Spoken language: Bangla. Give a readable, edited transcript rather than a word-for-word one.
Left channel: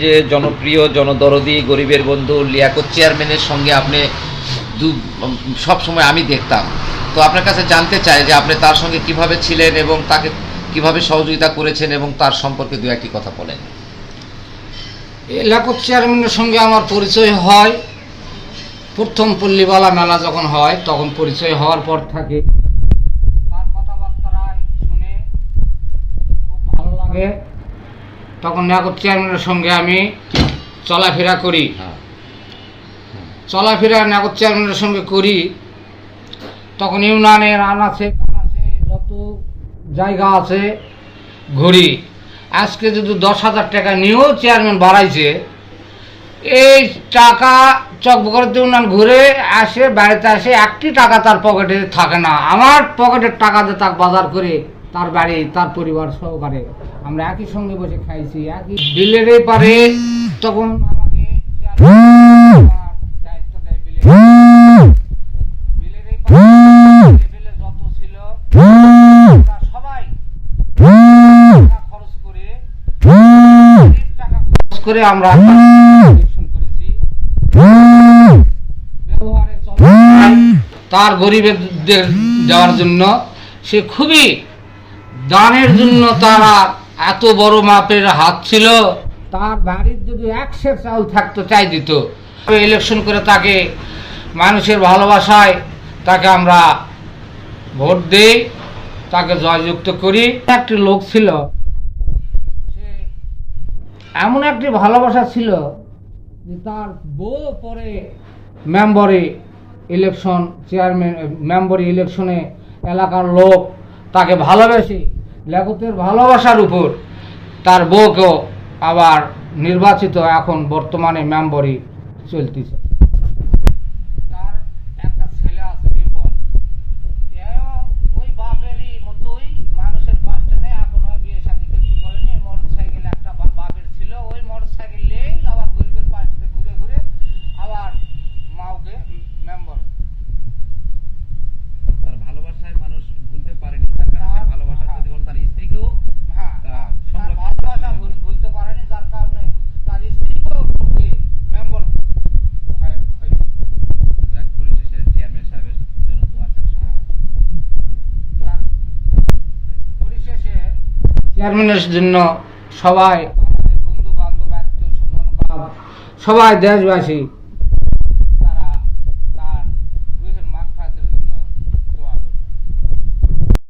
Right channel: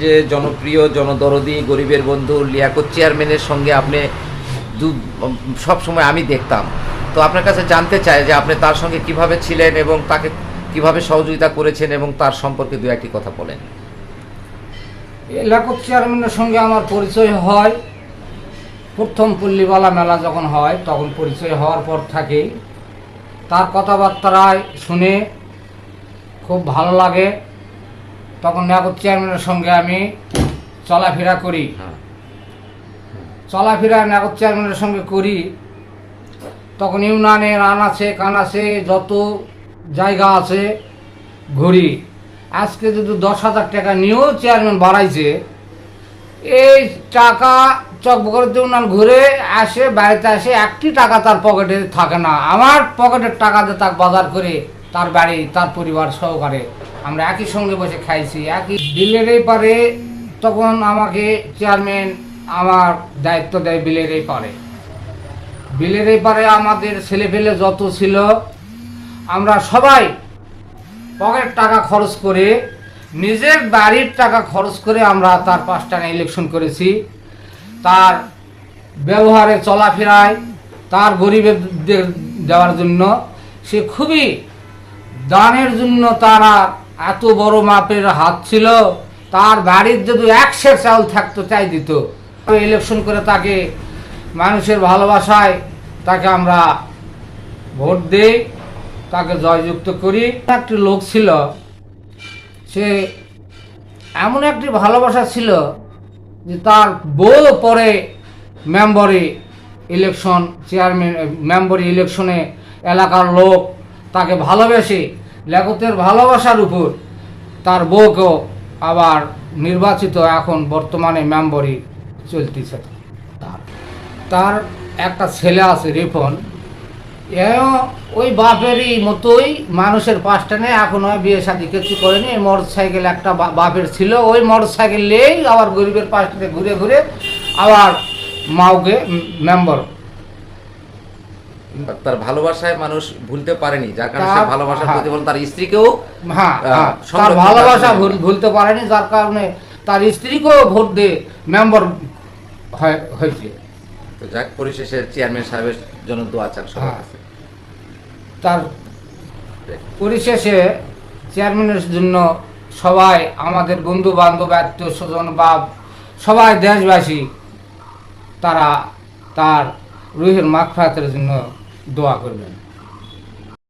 যে জনপ্রিয় জনদরদি গরিবের বন্ধু লিয়াকত চেয়ারম্যানের সঙ্গে আপনি সব সময় আমি দেখতাম, তো আপনার কাছে জানতে চাই যে আপনি তার সঙ্গে কিভাবে ছিলেন এবং তাকে কিভাবে সহযোগিতা করেছেন এবং তার সম্পর্কে দু একটি কথা বলেন। লিয়াকত চেয়ারম্যানের সঙ্গে আমার পরিচয় হয় প্রথম পল্লীবালা মেলা যখন হয়, তখন পরিচয় হওয়ার পর থাকে তার কথাবার্তায় শুনে খুব ভালো লাগে। তখন লিয়াকত চেয়ারম্যানের সঙ্গে আমি চলাফেরা করি, লিয়াকত চেয়ারম্যানের সঙ্গে করি। তখন ইউনিয়নের আনাচে কানাচে যত জায়গা আছে ঘুরি। আজকে যদি 10,000 টাকা নিয়েও চেয়ারম্যান বাড়াইছে, এই টাকা চকবকরের ইউনিয়ন ঘুরে আসে, বাড়িতে আসে, একটি টাকা তার পকেটে থাকে না। আমার পকেটের টাকা দিয়ে তাকে বাজার করে তার বাড়ি তার পরিবার সহকারে আমরা একই সঙ্গে বসে খাইছি। একই বিলের এই পারে তখন আমাকে চেয়ারম্যান আমার দায়িত্ব দেয় বিলের এই পারে। বিলের এই পারে আমাদের ছেলে পেলে যত ছিল আমরা সবাই টাকা খরচ করে, নিজের বাড়ির টাকা খরচ করে আমরা তার 5 টাকা ইলেকশন করেছি। তার ব্যবহারে চলাফেরায় তার গরিবদের দেওয়ার জন্য সে খুবই দানের জন্য তারা এত বড় মাপের হাত ছিল। তার বাড়ির যদি 1 সের চাউল থাকতো চাই দিত। ইলেকশন করে তাকে মানুষের ভালোবাসায় তাকে আমরা ভোট দেই, তাকে জয়যুক্ত করি। একটি লোক ছিল, সে এমন একটি ভালোবাসা ছিল যে তার বউ পরে মেম্বরি ইলেকশন চেয়ারম্যান মেম্বরি ইলেকশনে এলাকার লোক তাকে ভালোবেসে লিয়াকতের ভালোবাসার উপর তার বউকেও আবার নির্বাচিত এখন বর্তমানে মেম্বরি চলতেছে। তার একটা ছেলে আছে রিপন, ওই বাপেরই মতোই মানুষের পাশটা নেই, এখন ওই বিয়ে শাদী কিছু করেনি। মোটর সাইকেল একটা বাপের ছিল, ওই মোটর সাইকেল নিয়েই আবার গরিবের পাশটাতে ঘুরে ঘুরে আবার মাওকে মেম্বার। তার ভালোবাসায় মানুষ ভুলতে পারেনি, যার কারণে সে ভালোবাসার প্রতিফলন তার স্ত্রীকেও তার ভালোবাসা ভুলতে পারেনি, যার কারণে তার স্ত্রীকেও ভোট দিয়ে মেম্বার হয়েছে। তো যাক, পরিশেষে চেয়ারম্যান সাহেবের জন্য দোয়া চান সবার কাছে। তার পরিশেষে চেয়ারম্যানের জন্য সবাই আমাদের বন্ধু বান্ধব আত্মীয় স্বজন বা সবাই দেশবাসী তারা তার রুহের মাগফিরাতের জন্য দোয়া করবেন।